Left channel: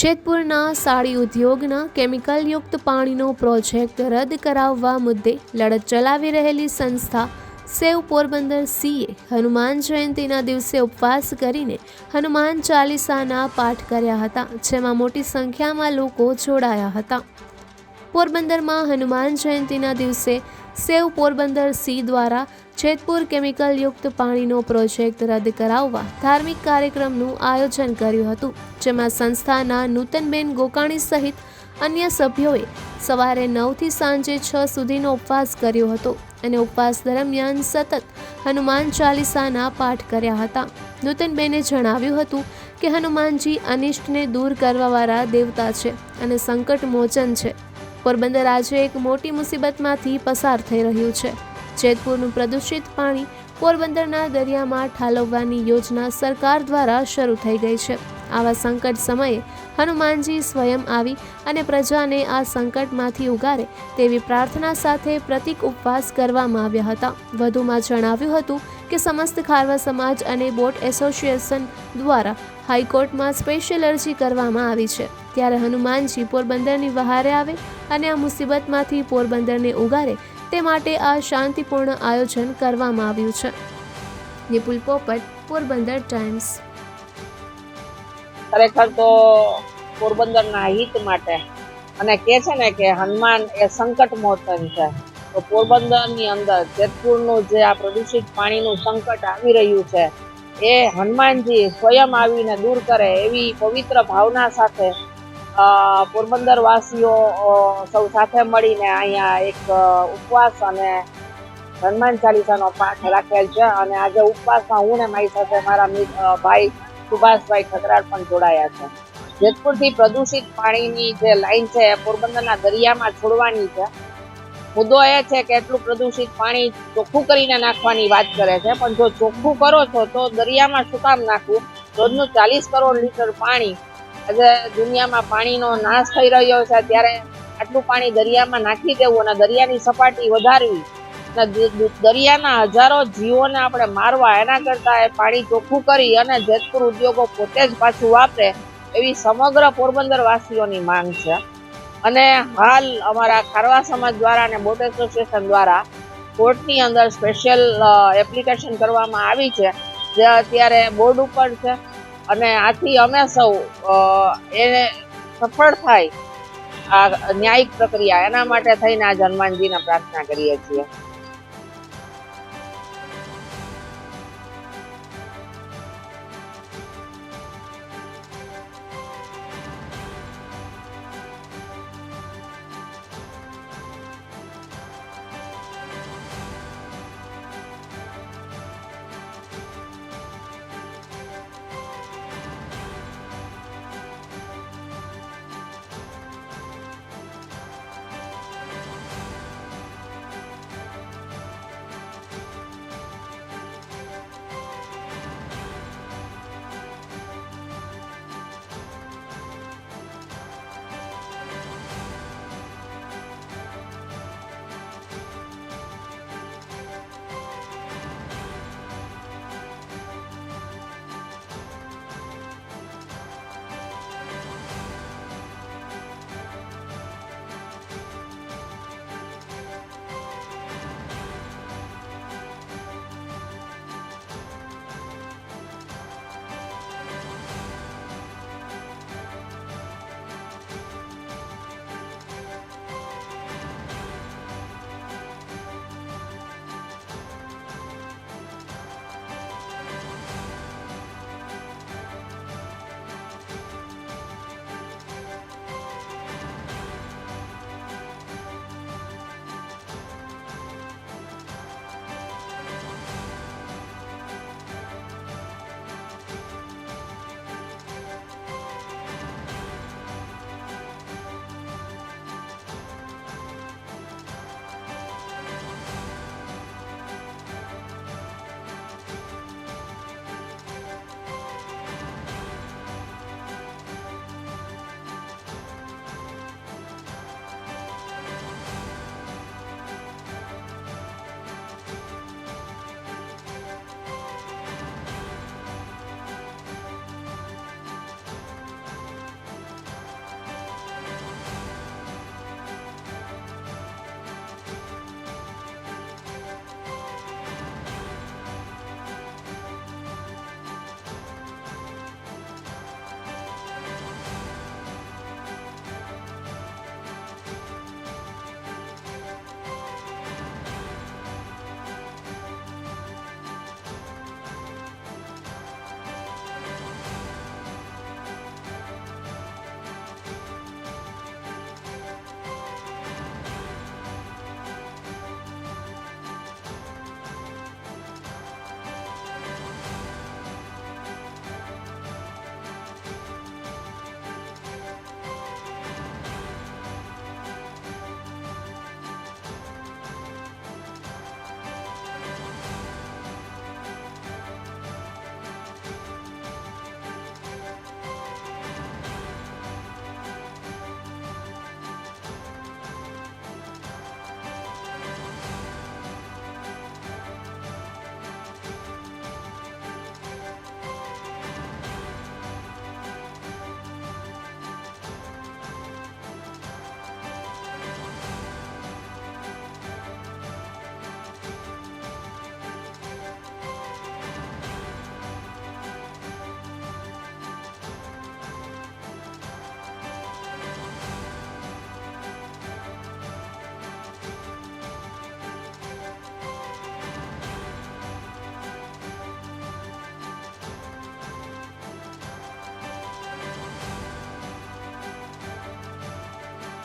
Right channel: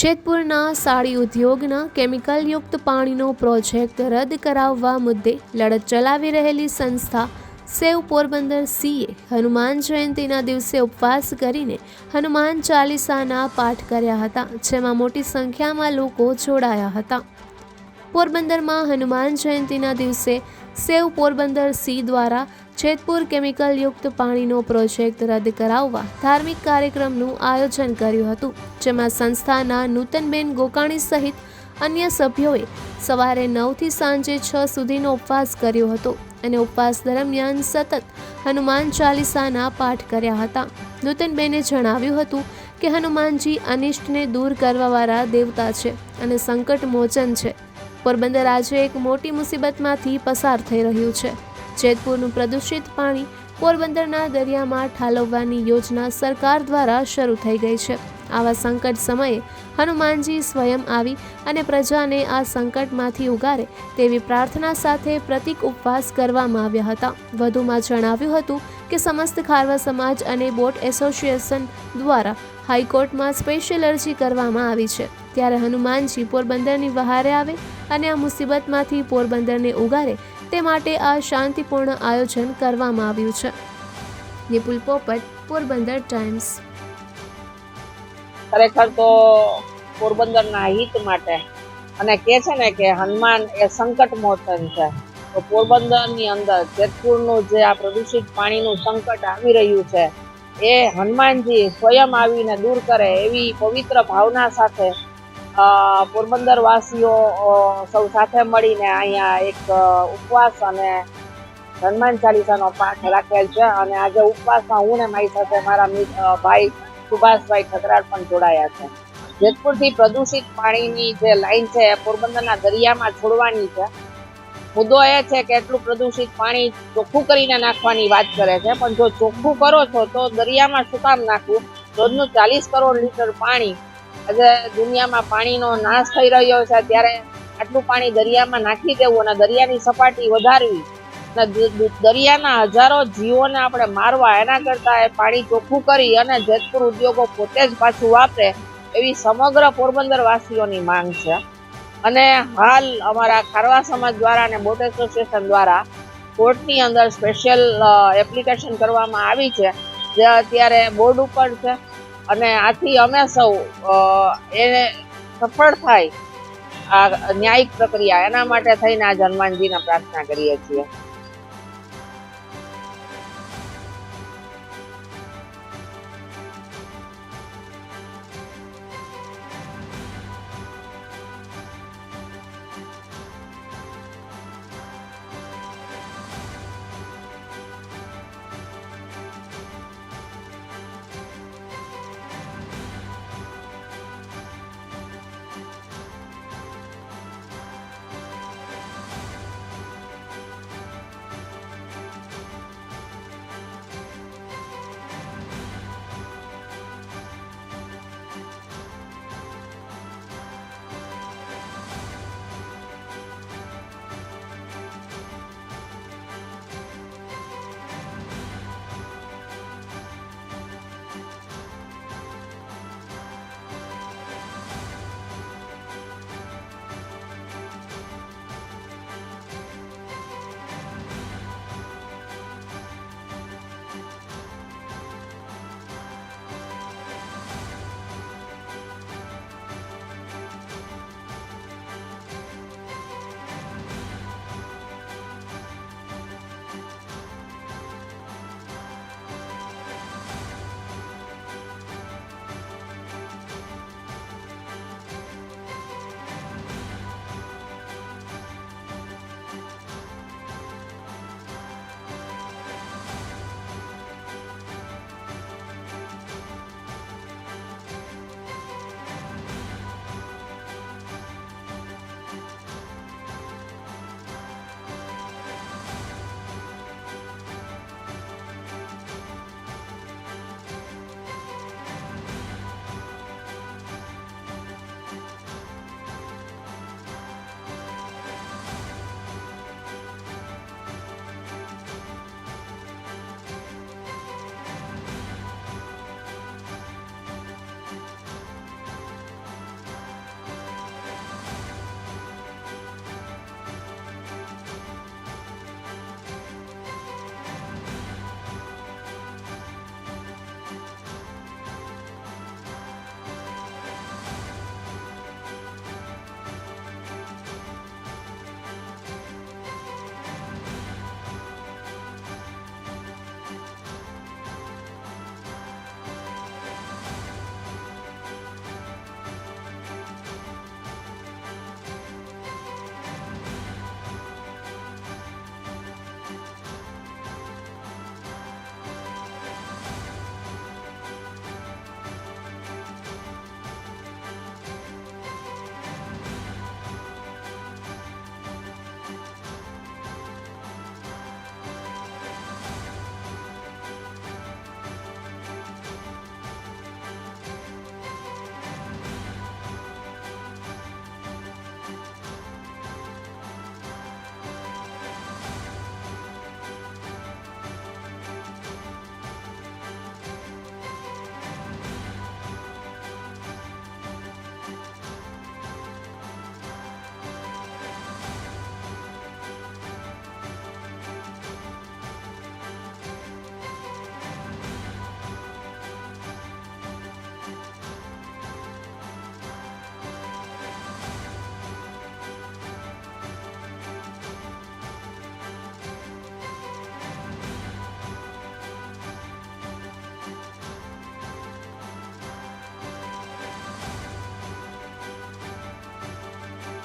જેતપુરના સાડી ઉદ્યોગના કેમિકલયુક્ત પાણીનો પ્રોજેક્ટ રદ કરાવવા મુદ્દે લડત ચલાવી રહેલી સંસ્થા સેવ પોરબંદર સીએ હનુમાન જયંતીના દિવસે ઉપવાસ કરીને હનુમાન ચાલીસાના પાઠ કર્યા હતા, જેમાં મોટી સંખ્યામાં લોકો જોડાયા હતા. પોરબંદરમાં હનુમાન જયંતીના દિવસે સેવ પોરબંદર સી દ્વારા જેતપુર કેમિકલયુક્ત પાણીનો પ્રોજેક્ટ રદ કરાવવા ધાર્મિક કાર્યક્રમનું આયોજન કર્યું હતું, જેમાં સંસ્થાના નૂતનબેન ગોકાણી સહિત અન્ય સભ્યોએ સવારે નવથી સાંજે છ સુધીનો ઉપવાસ કર્યો હતો અને ઉપવાસ દરમિયાન સતત હનુમાન ચાલીસાના પાઠ કર્યા હતા. નૂતનબેને જણાવ્યું હતું કે હનુમાનજી અનિષ્ટને દૂર કરવાવાળા દેવતા છે અને સંકટ મોચન છે. પોરબંદર આજે એક મોટી મુસીબતમાંથી પસાર થઈ રહ્યું છે. જેતપુરનું પ્રદૂષિત પાણી પોરબંદરના દરિયામાં ઠાલવવાની યોજના સરકાર દ્વારા શરૂ થઈ ગઈ છે. આવા સંકટ સમયે હનુમાનજી સ્વયં આવી અને પ્રજાને આ સંકટમાંથી ઉગારે તેવી પ્રાર્થના સાથે પ્રતિક ઉપવાસ કરવામાં આવ્યા હતા. વધુમાં જણાવ્યું હતું કે સમસ્ત ખારવા સમાજ અને બોટ એસોસિએશન દ્વારા હાઈકોર્ટમાં સ્પેશિયલ અરજી કરવામાં આવી છે. ત્યારે હનુમાનજી પોરબંદરની વહારે આવે અને આ મુસીબતમાંથી પોરબંદરને ઉગારે, તે માટે આ શાંતિપૂર્ણ આયોજન કરવામાં આવ્યું છે. નિપુલ પોપટ, પોરબંદર ટાઈમ્સ. ખરેખર તો પોરબંદરના હિત માટે. અને કે છે ને કે હનુમાન એ સંકટ મોચન છે. તો પોરબંદરની અંદર જેતપુરનું જે આ પ્રદૂષિત પાણીનું સંકટ આવી રહ્યું છે, એ હનુમાનજી સ્વયં આવીને દૂર કરે એવી પવિત્ર ભાવના સાથે પોરબંદર વાસીઓ સૌ સાથે મળીને અહીંયા એક ઉપવાસ અને હનુમાન ચાલીસાનો પાઠ રાખેલ છે અને આજે ઉપવાસમાં હું ને મારી સાથે મારા ભાઈ સુભાષભાઈ ઠકરાળ પણ જોડાયા છે. જેતપુરથી પ્રદૂષિત પાણીની જે લાઈન છે એ પોરબંદરના દરિયામાં છોડવાની છે. મુદ્દો એ છે કે એટલું પ્રદૂષિત પાણી ચોખ્ખું કરીને નાખવાની વાત કરે છે, પણ જો ચોખ્ખું કરો છો તો દરિયામાં શું કામ નાખવું? રોજનું ચાલીસ કરોડ લીટર પાણી આજે દુનિયામાં પાણીનો નાશ થઈ રહ્યો છે. ત્યારે આટલું પાણી દરિયામાં નાખી દેવું અને દરિયાની સપાટી વધારવી અને દરિયાના હજારો જીવોને આપણે મારવા એના કરતાં એ પાણી ચોખ્ખું કરી અને જેતપુર ઉદ્યોગો પોતે જ પાછું વાપરે એવી સમગ્ર પોરબંદર વાસીઓની માંગ છે. અને હાલ અમારા ખારવા સમાજ દ્વારા અને બોટ એસોસિએશન દ્વારા કોર્ટની અંદર સ્પેશિયલ એપ્લિકેશન કરવામાં આવી છે. જે અત્યારે બોર્ડ ઉપર છે. અને આથી અમે સૌ એ સફળ થાય આ ન્યાયિક પ્રક્રિયા, એના માટે થઈને આ હનુમાનજીને પ્રાર્થના કરીએ છીએ.